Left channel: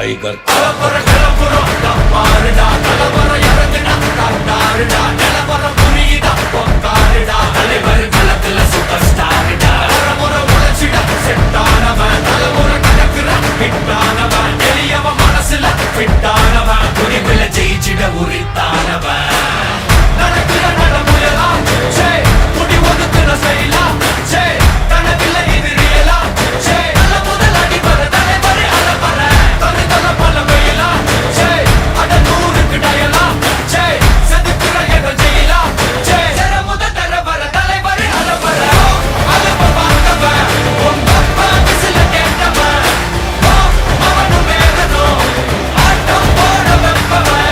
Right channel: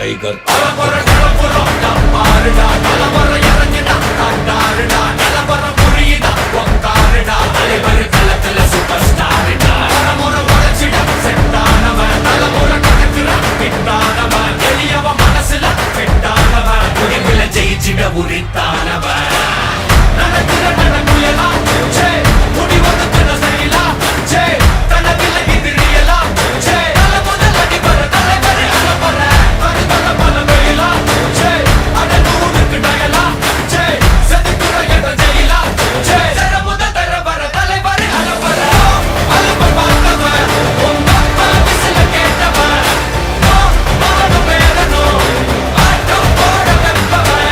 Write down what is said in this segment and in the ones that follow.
Tiger ஜெயிச்சிட உரித்தானவன் நடக்கிற நடமுயலா J முடி ஒதுக்குன செயலா ஜே கனவில்ல இது ரியலா ஜே நல்ல முதல் அடிபர தலைவர் அலப்பற தனி தல பல வெயிலா ஜே அட நூறுக்கு டயலா ஜே செதுக்குற இடம் ஜெயிலா ஜே தர முதல் தரவர தலைவர் அலப்பற அலுப்ப பார்த்தவன் உங்க அப்பா விசில கேட்டவன் அவனும் பேரனும் ஆட்டம் போட வெப்பவன்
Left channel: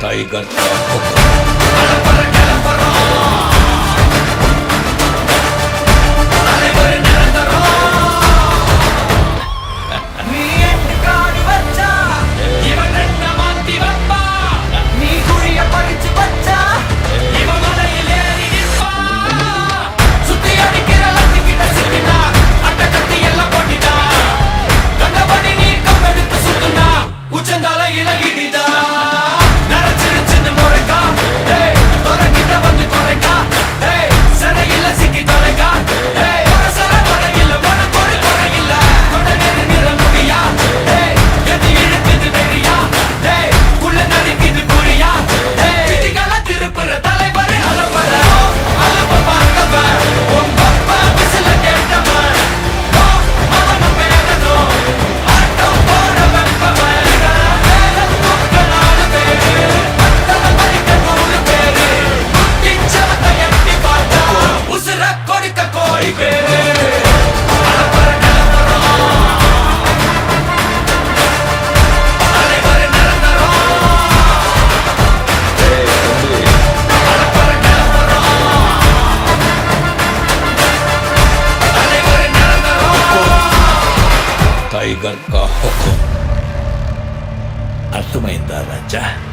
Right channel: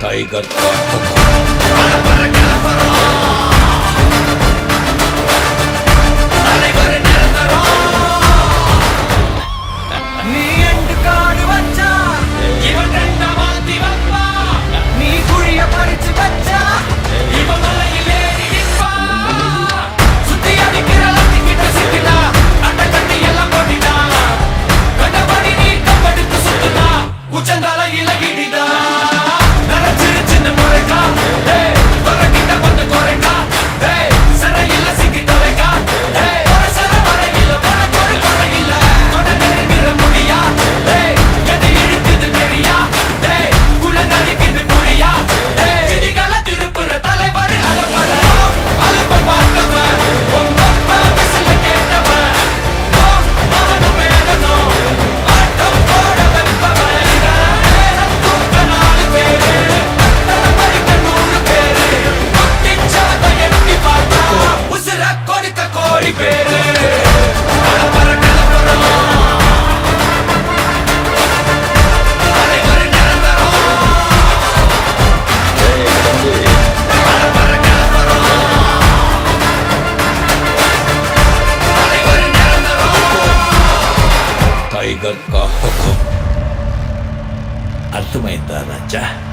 टाइगर का हुक्म टाइगर का हुक्म अर्थमैंदा राजा।